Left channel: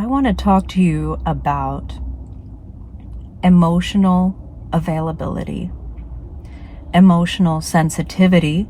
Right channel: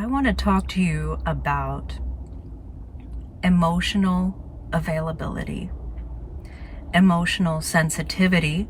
I want to talk to you about emotional availability, emotional sensitivity,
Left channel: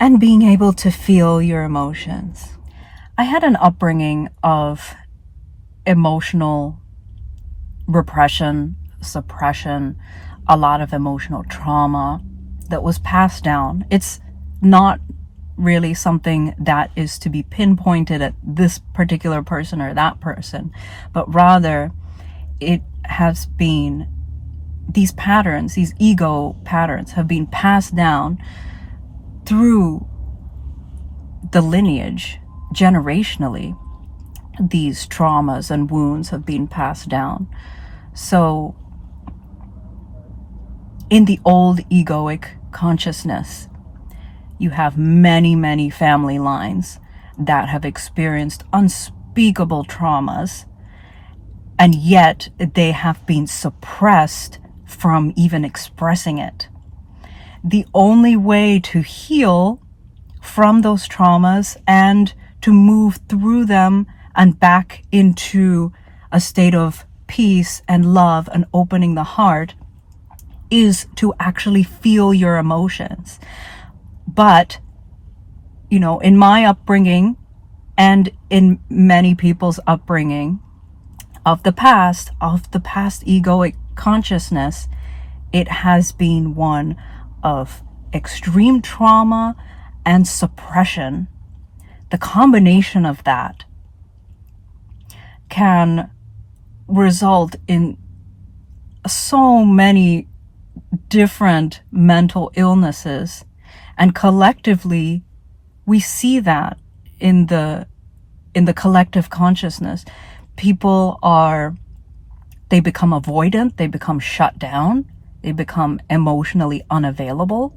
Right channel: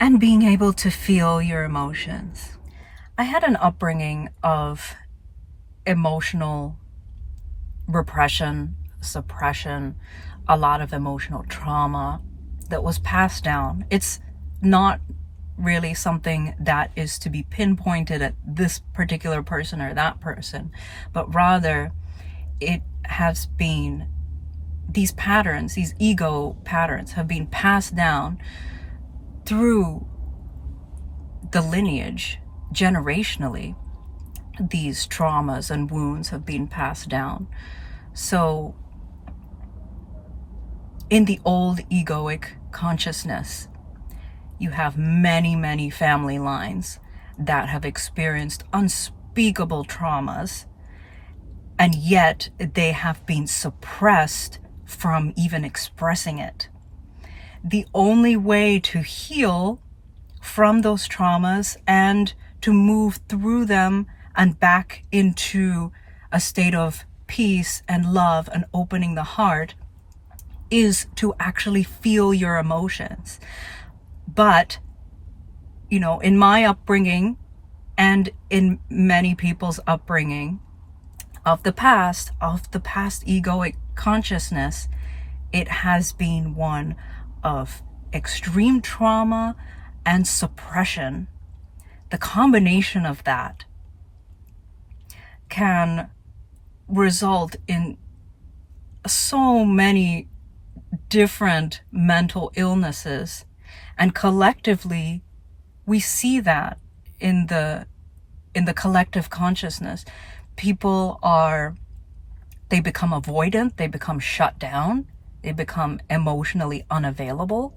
and being able to feel your emotions. I had an upbringing of emotional repression, suppression, a lot of emotional trauma that was passed down. It's not really something that is to be pinpointed at this particular person or that person, but rather it has been, these patterns, these ego patterns have been passed down through the lineage generationally. These traumas and wounds have been passed down. So in the old egoic consciousness, you have many, many family lines that have experienced unspeakable traumas, and yet they have been suppressed from even expressing it. The only way to heal from those traumas and to move through them and back into a state of peace and love and opening the heart is to actually feel your emotions. But, in my upbringing and in many people's upbringing of the past egoic consciousness, it has been one of extreme trauma and suppression. The combination of that can result in so many different mental illnesses, and collectively we see that in the collective consciousness. People they become avoidant, they become shut down, they become emotionally unavailable.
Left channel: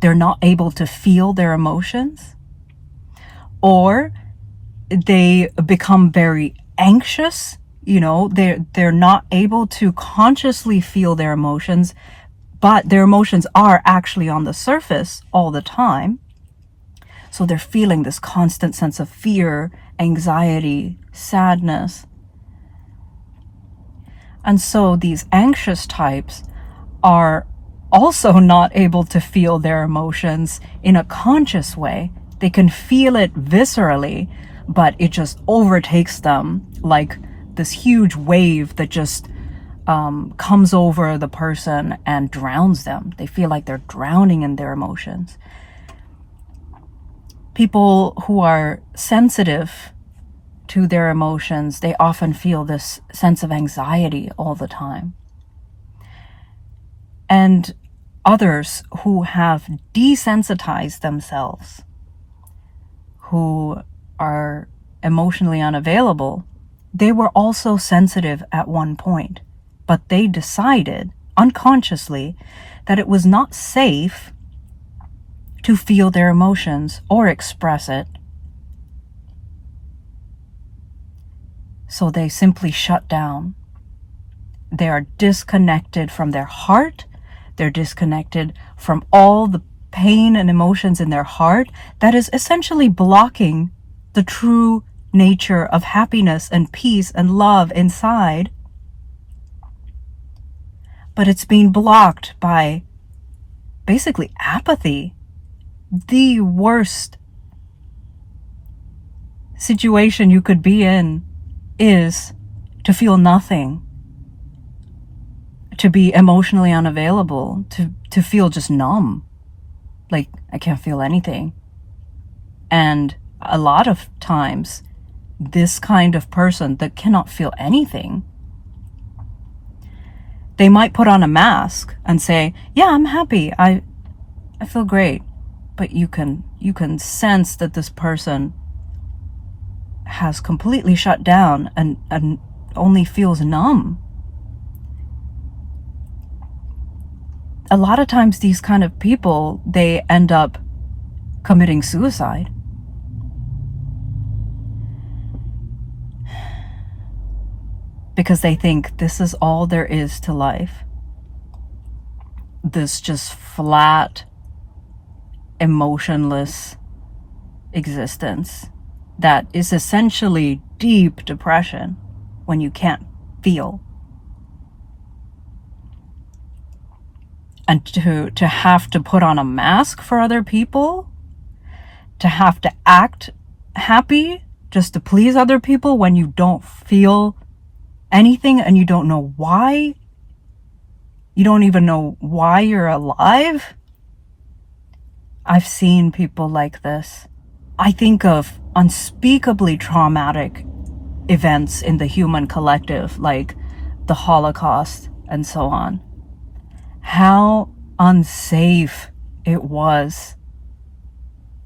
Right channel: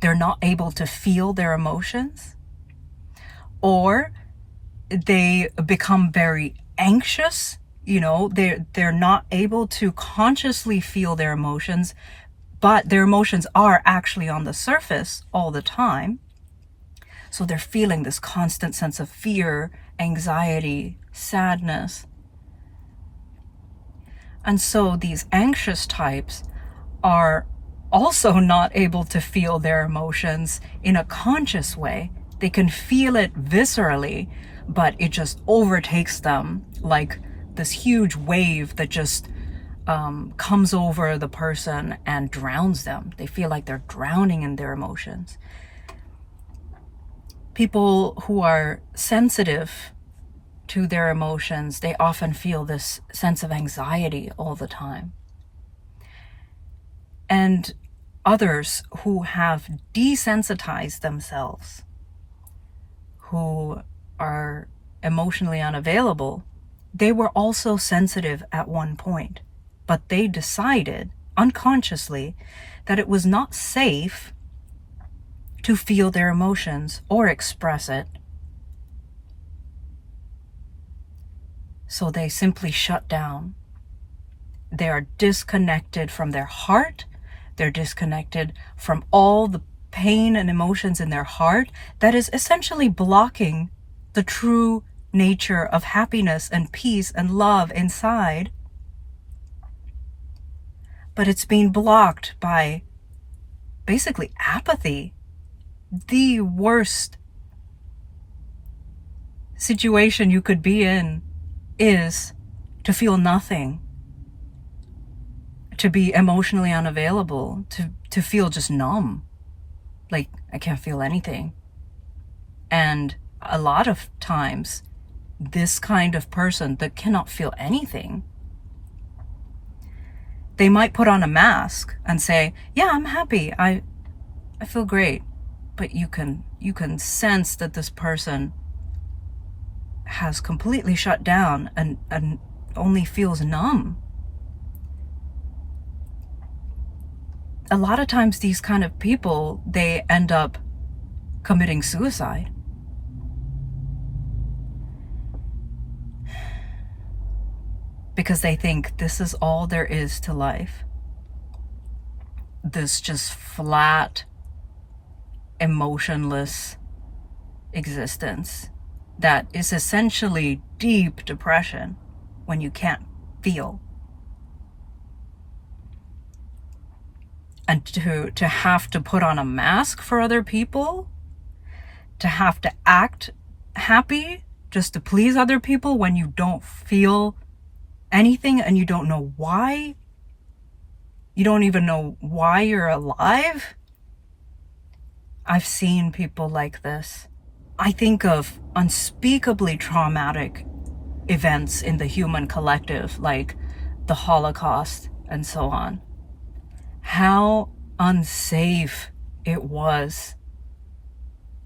They're not able to feel their emotions, or they become very anxious. They're not able to consciously feel their emotions, but their emotions are actually on the surface all the time. So they're feeling this constant sense of fear, anxiety, sadness. And so these anxious types are also not able to feel their emotions in a conscious way. They can feel it viscerally, but it just overtakes them like this huge wave that just comes over the person and drowns them. They feel like they're drowning in their emotions. People who are sensitive to their emotions, they often feel this sense of anxiety all the time. And others who have desensitized themselves, who are emotionally unavailable, they were also sensitive at one point, but they decided unconsciously that it was not safe to feel their emotions or express it. So they simply shut down. They are disconnected from their heart. They're disconnected from all the pain and emotions in their heart that is essentially blocking the true nature of happiness and peace and love inside. But it's being blocked by basically apathy. The worst situation you could be in is to feel nothing, to be emotionally unavailable, to feel just numb, like I can't feel anything. And a lot of times, this kind of person that cannot feel anything, they might put on a mask and say, yeah, I'm happy, I feel great. But you can sense that this person has completely shut down and only feels numb. A lot of times these kind of people, they end up committing suicide. Because they think this is all there is to life. This just flat, emotionless existence. that is essentially deep depression when you can't feel. And to have to put on a mask for other people, to have to act happy just to please other people when you don't feel anything and you don't know why. You don't even know why you're alive. I've seen people like this. I think of unspeakably traumatic events in the human collective, like the Holocaust and so on. How unsafe it was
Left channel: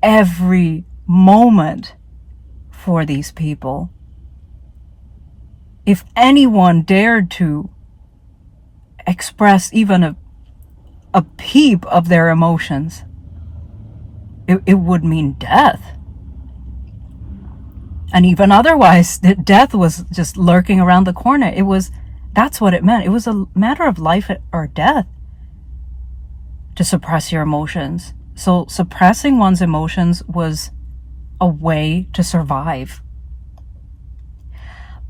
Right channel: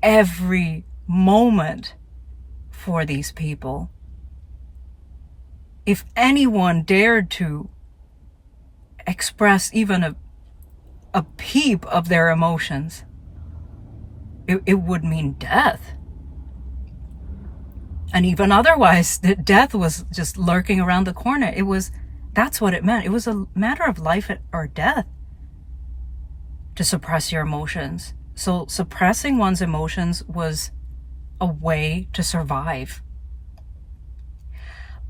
every moment for these people. If anyone dared to express even a peep of their emotions, it would mean death. And even otherwise, death was just lurking around the corner. That's what it meant. It was a matter of life or death to suppress your emotions. So suppressing one's emotions was a way to survive.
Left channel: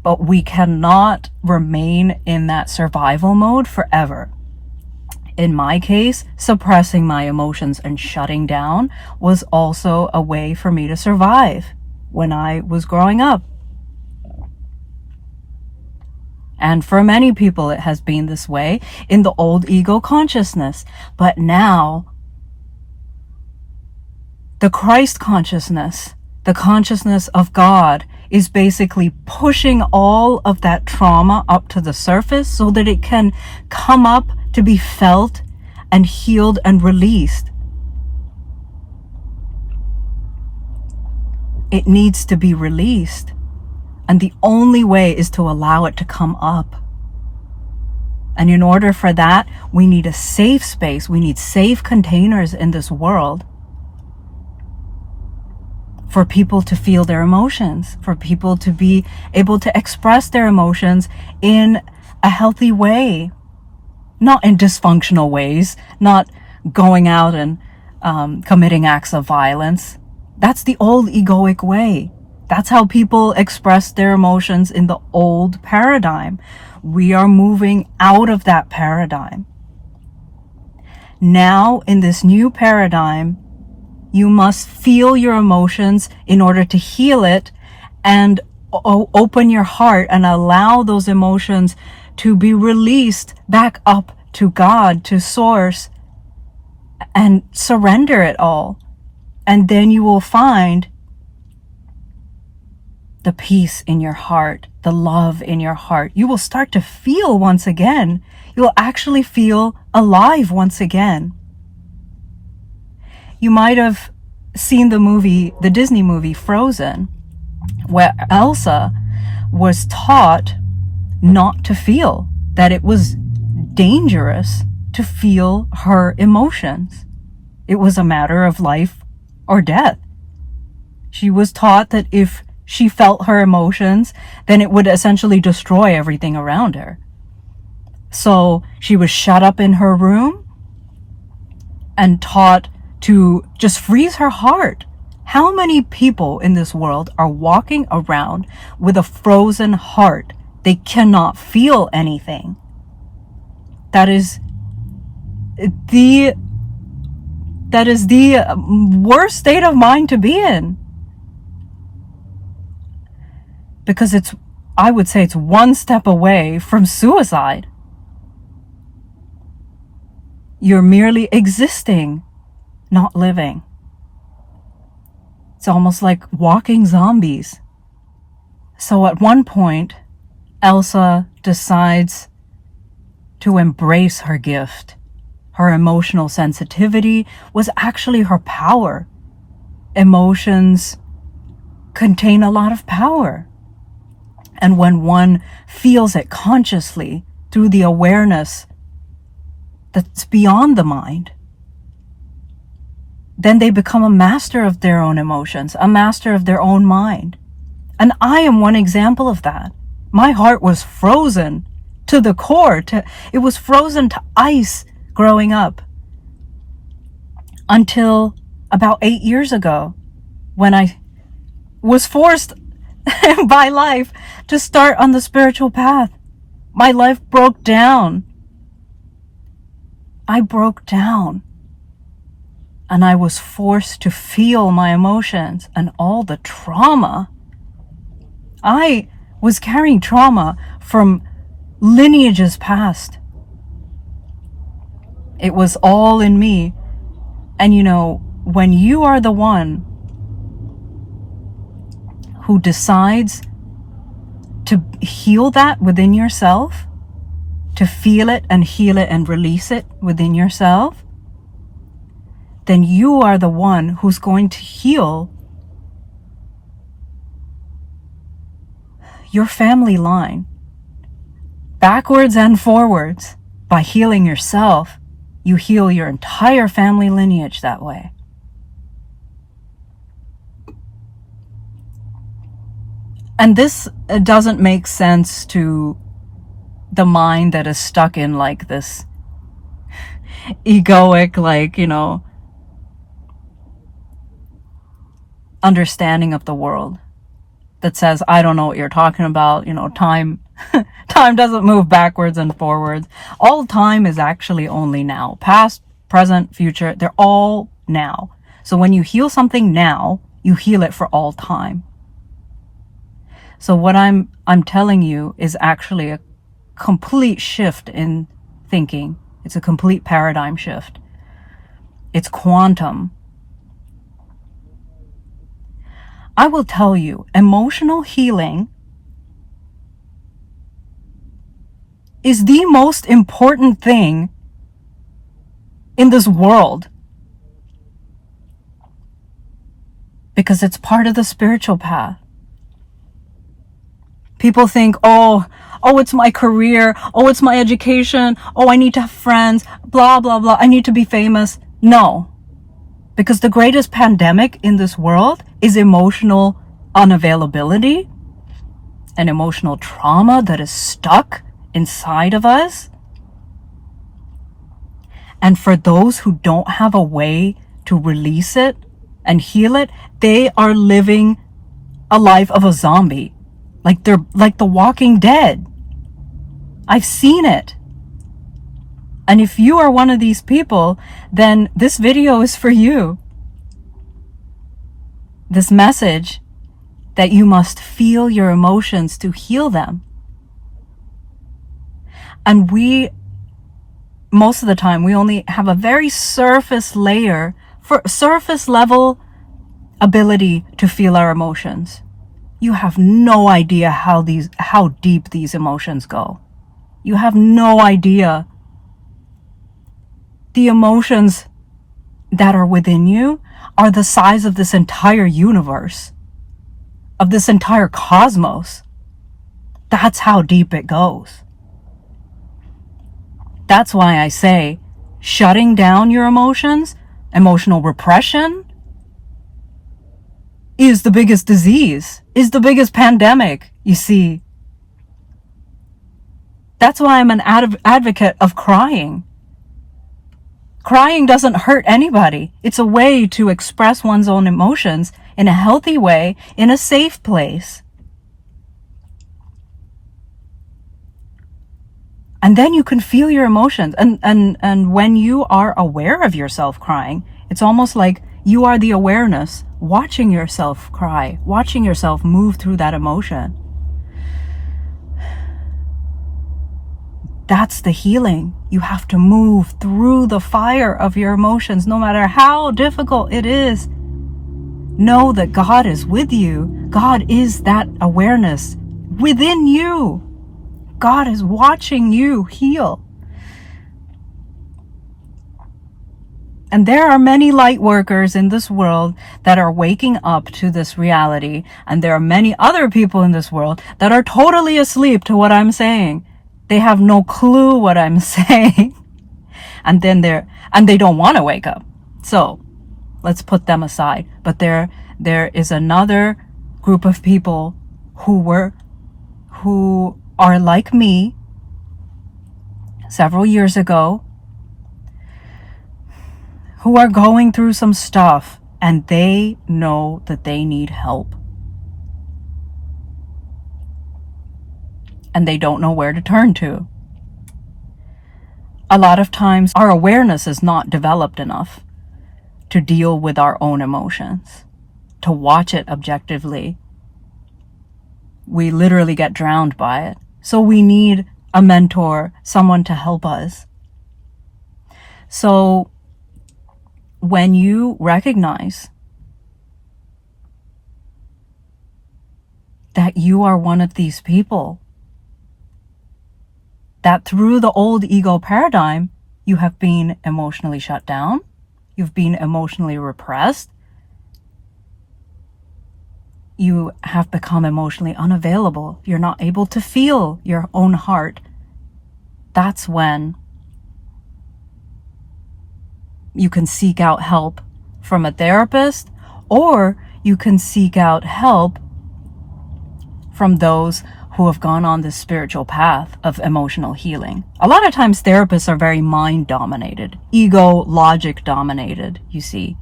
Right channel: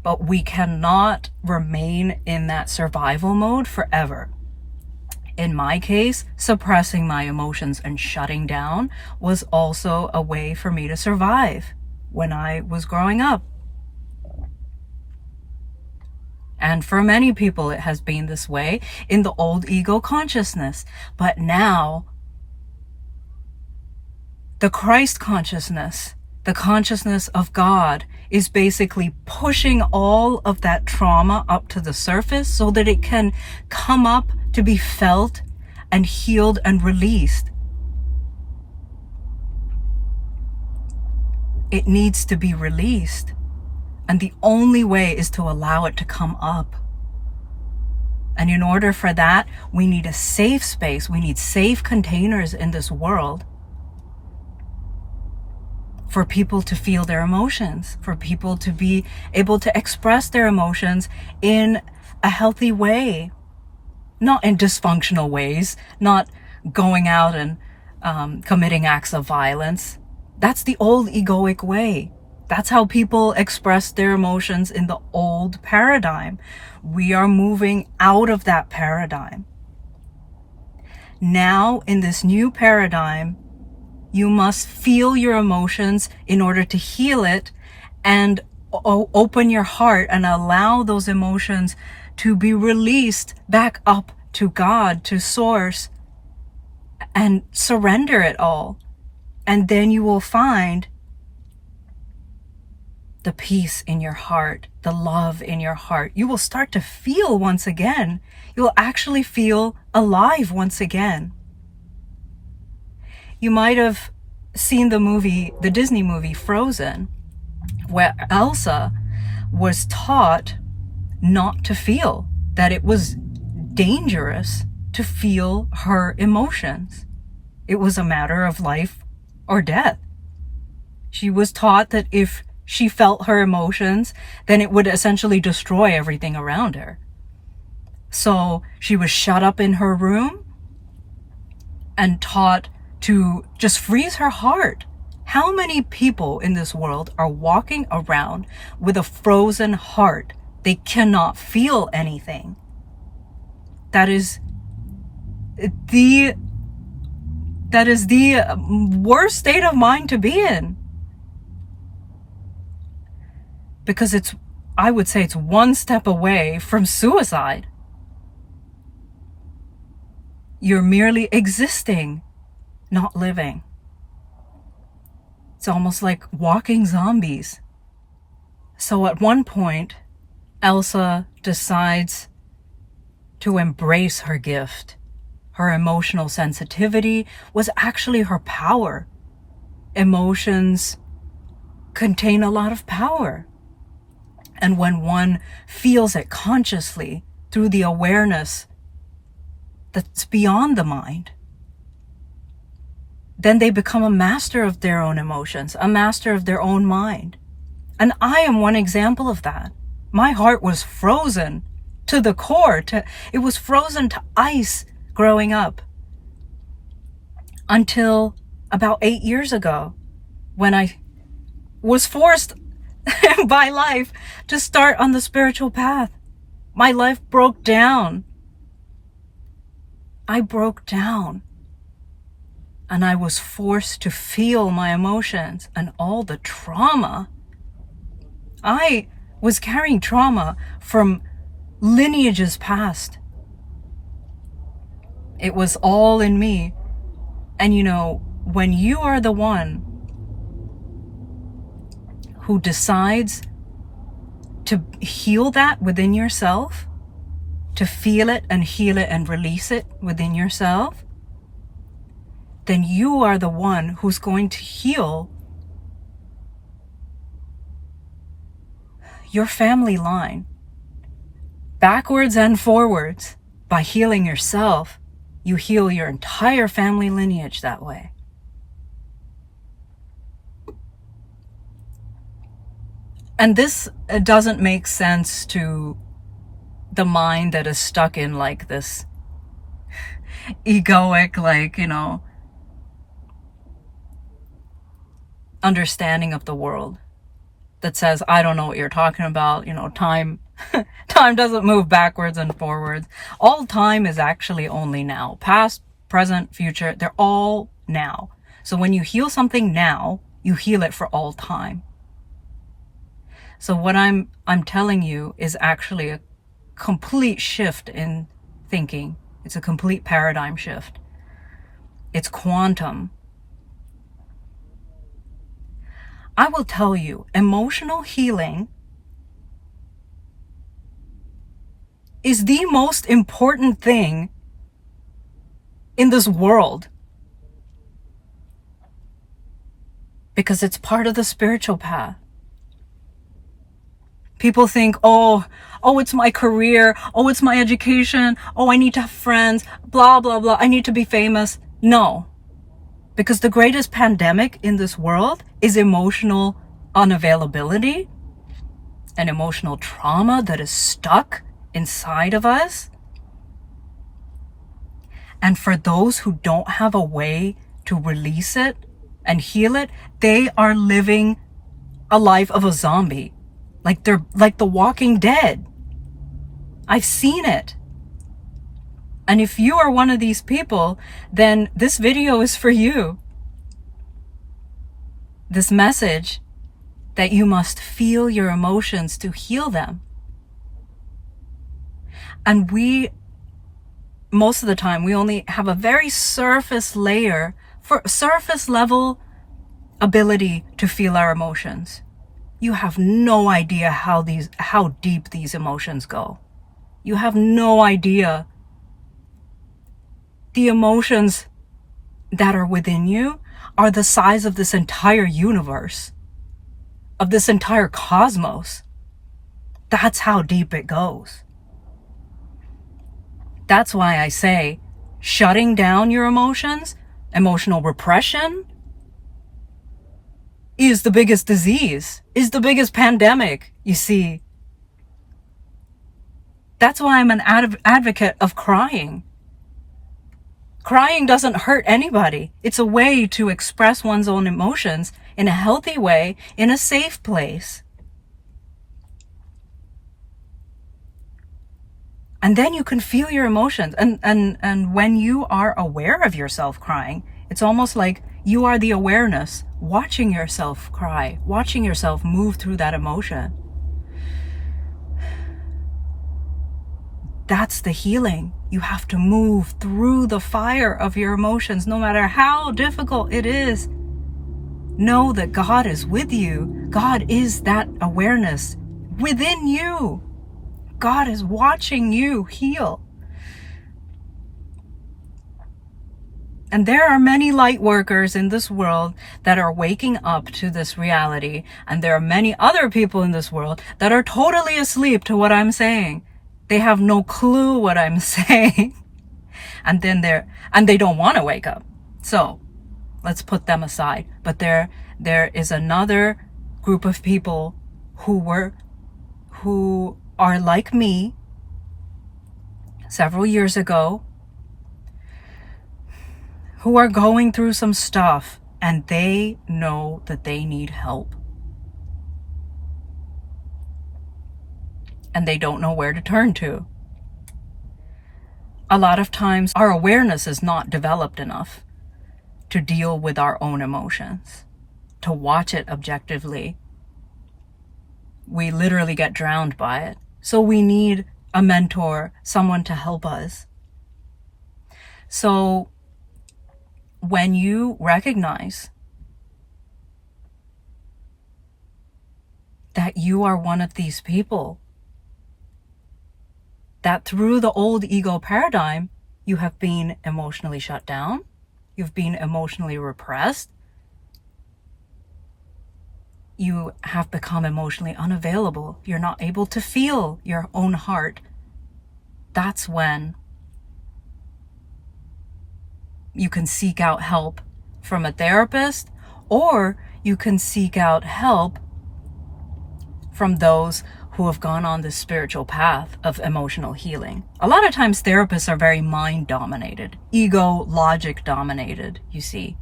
But we cannot remain in that survival mode forever. In my case, suppressing my emotions and shutting down was also a way for me to survive when I was growing up. And for many people, it has been this way in the old ego consciousness. But now, the Christ consciousness, the consciousness of God, is basically pushing all of that trauma up to the surface so that it can come up to be felt and healed and released. It needs to be released. And the only way is to allow it to come up. And in order for that, we need a safe space. We need safe containers in this world for people to feel their emotions, for people to be able to express their emotions in a healthy way, not in dysfunctional ways, not going out and committing acts of violence. That's the old egoic way. That's how people express their emotions in the old paradigm. We are moving out of that paradigm. Now, in this new paradigm, you must feel your emotions in order to heal it and open your heart and allow those emotions to be released back up to God, to Source, and surrender it all. And then you will find the peace in your heart, the love in your heart. You will start to feel once again. You will actually feel alive once again. You might have seen the Disney movie Frozen, where Elsa was taught not to feel, that it was dangerous to feel her emotions. It was a matter of life or death. She was taught that if she felt her emotions, then it would essentially destroy everything around her. So she was shut up in her room and taught to just freeze her heart. How many people in this world are walking around with a frozen heart? They cannot feel anything. That is the worst state of mind to be in. Because I would say it's one step away from suicide. You're merely existing, not living. It's almost like walking zombies. So at one point, Elsa decides to embrace her gift. Her emotional sensitivity was actually her power. Emotions contain a lot of power. And when one feels it consciously through the awareness that's beyond the mind, then they become a master of their own emotions, a master of their own mind. And I am one example of that. My heart was frozen to the core. It was frozen to ice growing up until about 8 years ago when was forced by life to start on the spiritual path. My life broke down. I broke down. And I was forced to feel my emotions and all the trauma. I was carrying trauma from lineages past. It was all in me. And you know, when you are the one who decides to heal that within yourself, to feel it and heal it and release it within yourself, then you are the one who's going to heal your family line, backwards and forwards. By healing yourself, you heal your entire family lineage that way. And this doesn't make sense to the mind that is stuck in like this egoic, like, you know, understanding of the world that says, I don't know what you're talking about. You know, time doesn't move backwards and forwards. All time is actually only now. Past, present, future, they're all now. So when you heal something now, you heal it for all time. So what I'm telling you is actually a complete shift in thinking. It's a complete paradigm shift. It's quantum. I will tell you, emotional healing is the most important thing in this world, because it's part of the spiritual path. People think, oh, it's my career. Oh, it's my education. Oh, I need to have friends, blah, blah, blah. I need to be famous. No, because the greatest pandemic in this world is emotional unavailability and emotional trauma that is stuck inside of us. And for those who don't have a way to release it and heal it, they are living a life of a zombie. Like they're like the Walking Dead. I've seen it. And if you are one of these people, then this video is for you. This message that you must feel your emotions to heal them. And most of the time, we only have a very surface level ability to feel our emotions. You have no idea how deep these emotions go. You have no idea. The emotions that are within you are the size of this entire universe, of this entire cosmos. That's how deep it goes. That's why I say shutting down your emotions, emotional repression, is the biggest disease, is the biggest pandemic, you see. That's why I'm an advocate of crying. Crying doesn't hurt anybody. It's a way to express one's own emotions in a healthy way, in a safe place. And then you can feel your emotions. And when you are aware of yourself crying, it's almost like you are the awareness, watching yourself cry, watching yourself move through that emotion. That's the healing. You have to move through the fire of your emotions, no matter how difficult it is. Know that God is with you. God is that awareness within you. God is watching you heal. And there are many light workers in this world that are waking up to this reality. And there are many other people in this world that are totally asleep to what I'm saying. They have no clue what I'm saying. And they don't want to wake up. So let's put them aside. But there is another group of people who are like me several years ago, who are going through some stuff, and they know that they need help. and they don't know where to turn to. A lot of times our awareness is not developed enough to deal with our own emotions, to watch it objectively. We literally get drowned by it. So we need a mentor, someone to help us. So when you recognize that you are one of these people, that through the old ego paradigm, you have been emotionally shut down, you've been emotionally repressed, you have become emotionally unavailable, you're not able to feel your own heart, that's when you can seek out help from a therapist, or you can seek out help from those who have gone on this spiritual path of emotional healing. A lot of times therapists are very mind dominated, ego, logic dominated, you see.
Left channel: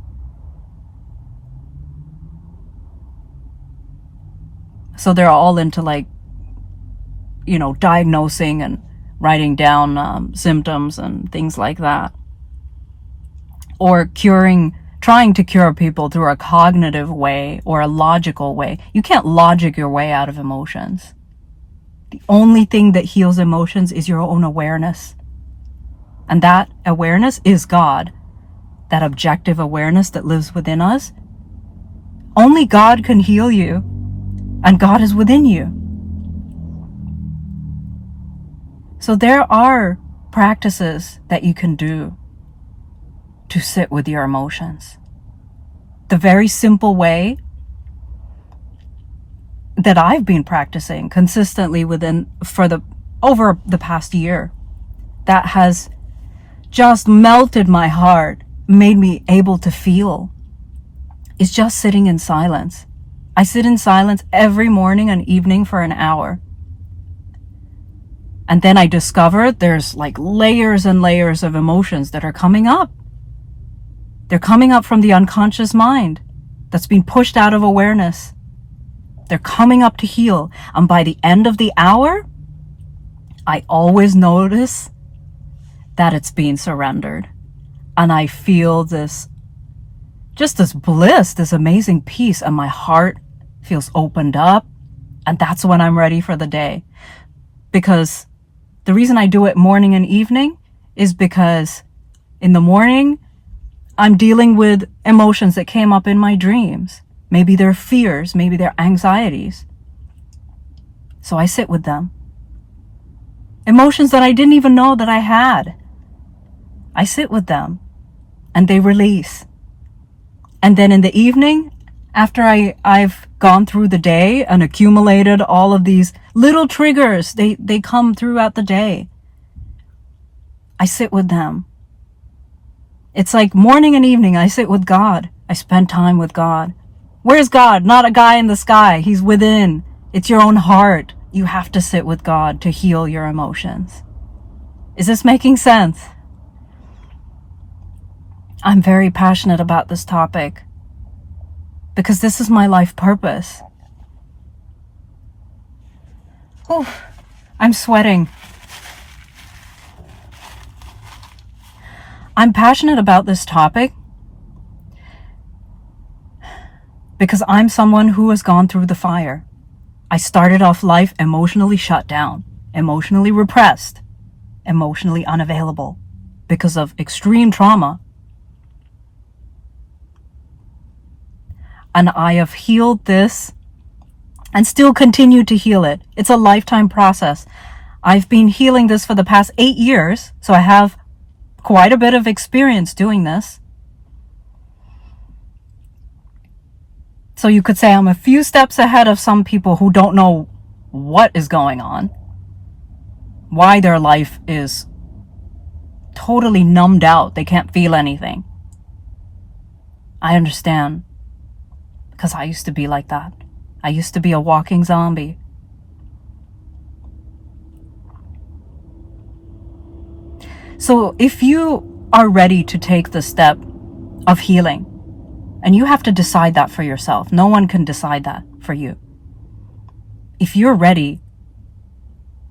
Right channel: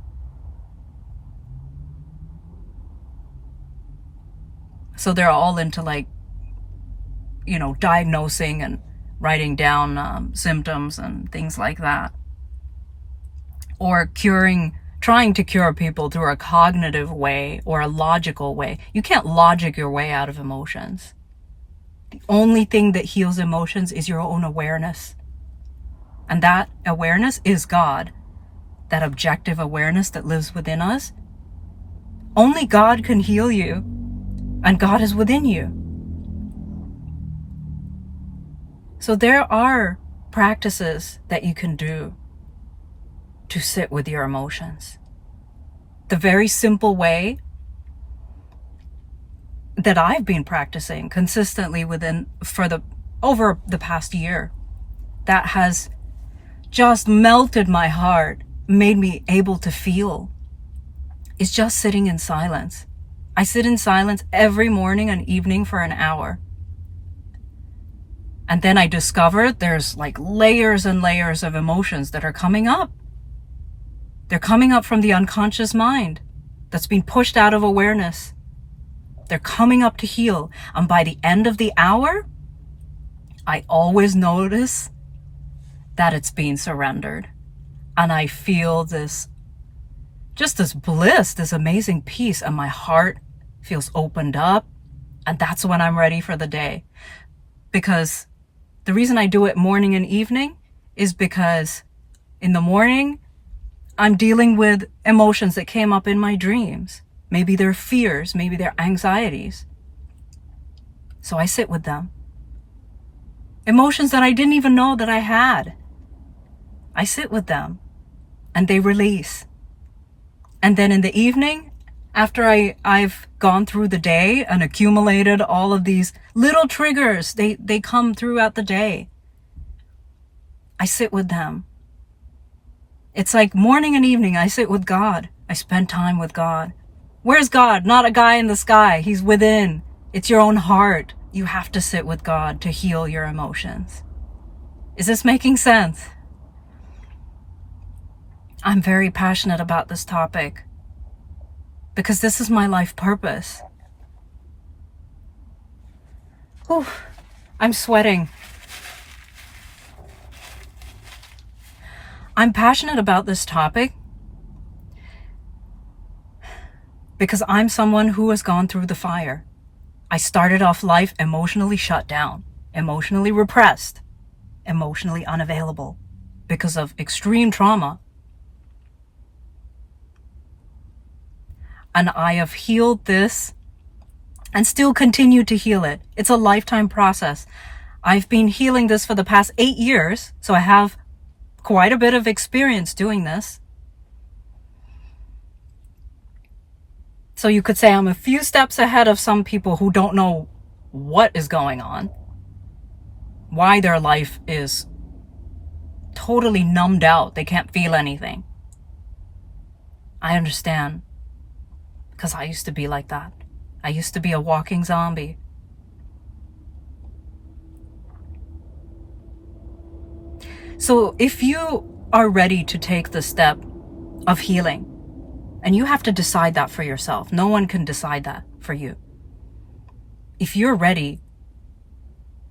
So they're all into diagnosing and writing down symptoms and things like that. Or trying to cure people through a cognitive way or a logical way. You can't logic your way out of emotions. The only thing that heals emotions is your own awareness. And that awareness is God. That objective awareness that lives within us. Only God can heal you. And God is within you. So there are practices that you can do to sit with your emotions. The very simple way that I've been practicing consistently over the past year, that has just melted my heart, made me able to feel, is just sitting in silence. I sit in silence every morning and evening for an hour. And then I discovered there's layers and layers of emotions that are coming up. They're coming up from the unconscious mind that's been pushed out of awareness. They're coming up to heal. And by the end of the hour, I always notice that it's being surrendered. And I feel this bliss, this amazing peace, and my heart feels opened up. And that's when I'm ready for the day. Because the reason I do it morning and evening is because in the morning, I'm dealing with emotions that came up in my dreams. Maybe they're fears, maybe they're anxieties. So I sit with them. Emotions that I didn't even know that I had. I sit with them and they release. And then in the evening, after I've gone through the day and accumulated all of these little triggers, they come throughout the day. I sit with them. It's like morning and evening, I sit with God. I spend time with God. Where's God? Not a guy in the sky. He's within. It's your own heart. You have to sit with God to heal your emotions. Is this making sense? I'm very passionate about this topic because this is my life purpose. Whew, I'm sweating. I'm passionate about this topic because I'm someone who has gone through the fire. I started off life emotionally shut down, emotionally repressed, emotionally unavailable because of extreme trauma. And I have healed this and still continue to heal it. It's a lifetime process. I've been healing this for the past 8 years, so I have quite a bit of experience doing this. So you could say I'm a few steps ahead of some people who don't know what is going on, why their life is totally numbed out. They can't feel anything. I understand, because I used to be like that. I used to be a walking zombie. So if you are ready to take the step of healing, and you have to decide that for yourself, no one can decide that for you. If you're ready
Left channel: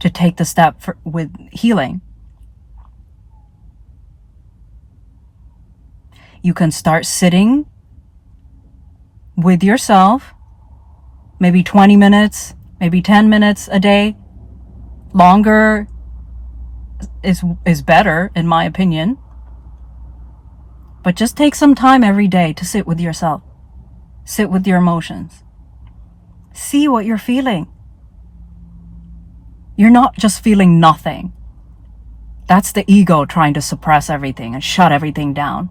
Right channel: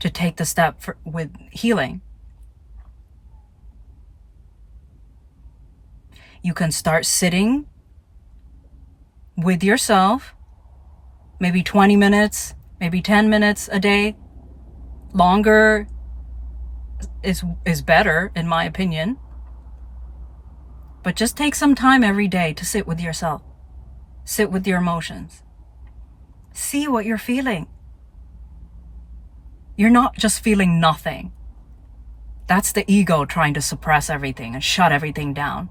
to take the step with healing. You can start sitting with yourself, maybe 20 minutes, maybe 10 minutes a day. Longer is better, in my opinion. But just take some time every day to sit with yourself. Sit with your emotions. See what you're feeling. You're not just feeling nothing. That's the ego trying to suppress everything and shut everything down.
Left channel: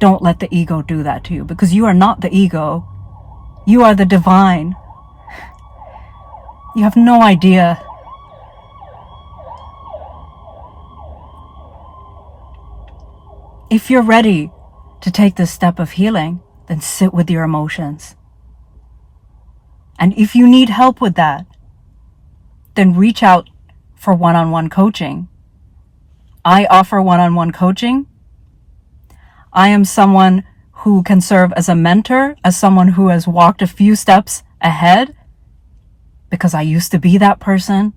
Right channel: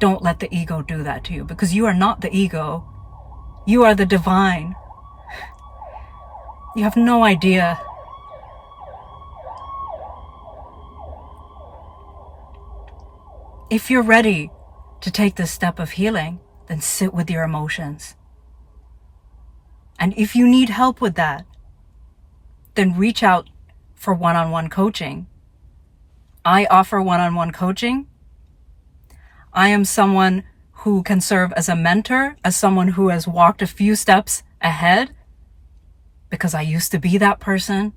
Don't let the ego do that to you, because you are not the ego. You are the divine. You have no idea. If you're ready to take this step of healing, then sit with your emotions. And if you need help with that, then reach out for one-on-one coaching. I offer one-on-one coaching. I am someone who can serve as a mentor, as someone who has walked a few steps ahead, because I used to be that person.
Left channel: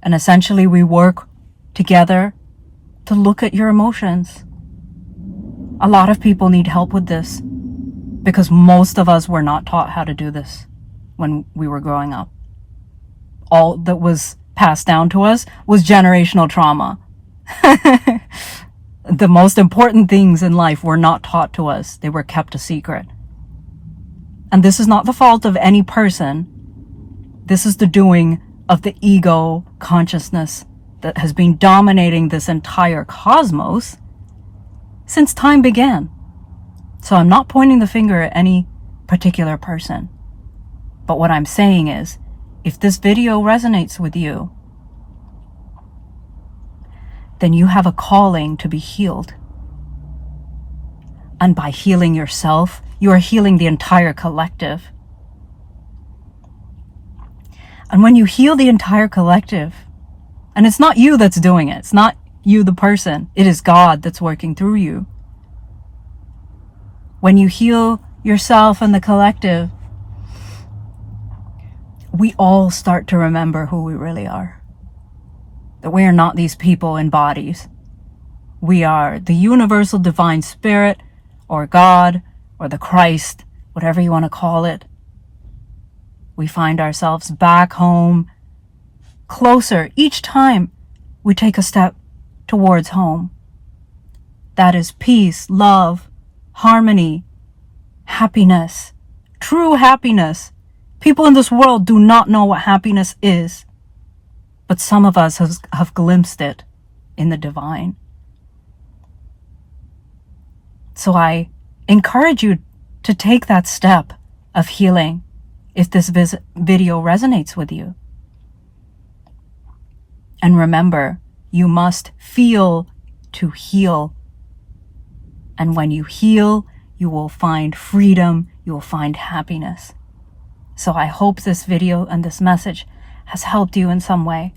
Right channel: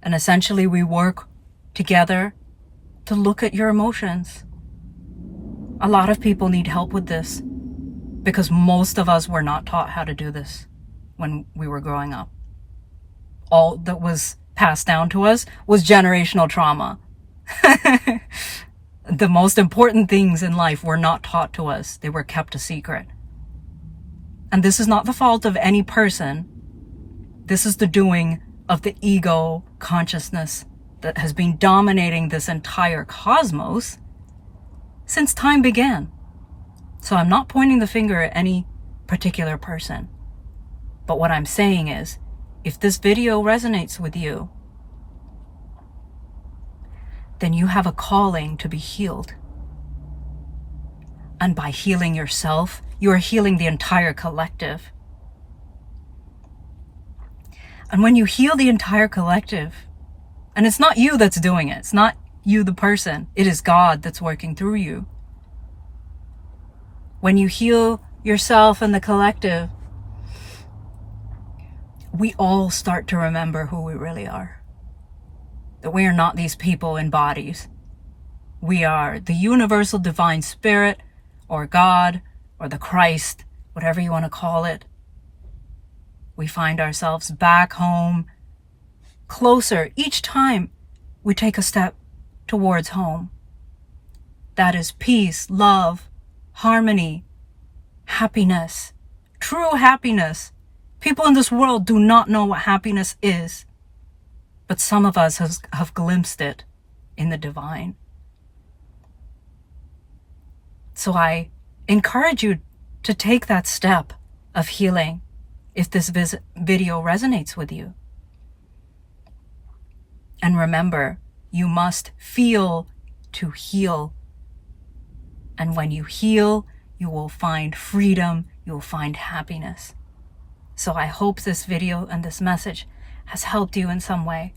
And essentially we work together to look at your emotions. A lot of people need help with this, because most of us were not taught how to do this when we were growing up. All that was passed down to us was generational trauma. The most important things in life were not taught to us. They were kept a secret. And this is not the fault of any person. This is the doing of the ego consciousness that has been dominating this entire cosmos since time began. So I'm not pointing the finger at any particular person. But what I'm saying is, if this video resonates with you, then you have a calling to be healed. And by healing yourself, you are healing the entire collective. And when you heal the entire collective, and it's not you that's doing it, it's not you the person, it is God that's working through you. When you heal yourself and the collective, we all start to remember who we really are. That we are not these people in bodies. We are the universal divine spirit, or God, or the Christ, whatever you want to call it. We find ourselves back home, closer each time we take a step towards home. That is peace, love, harmony, happiness, true happiness. People in this world do not know what happiness is, but some of us have glimpsed it in the divine. So I encourage you to take that step of healing if this video resonates with you. And remember, you must feel to heal. And when you heal, you will find freedom, you will find happiness. So I hope this video and this message has helped you in some way.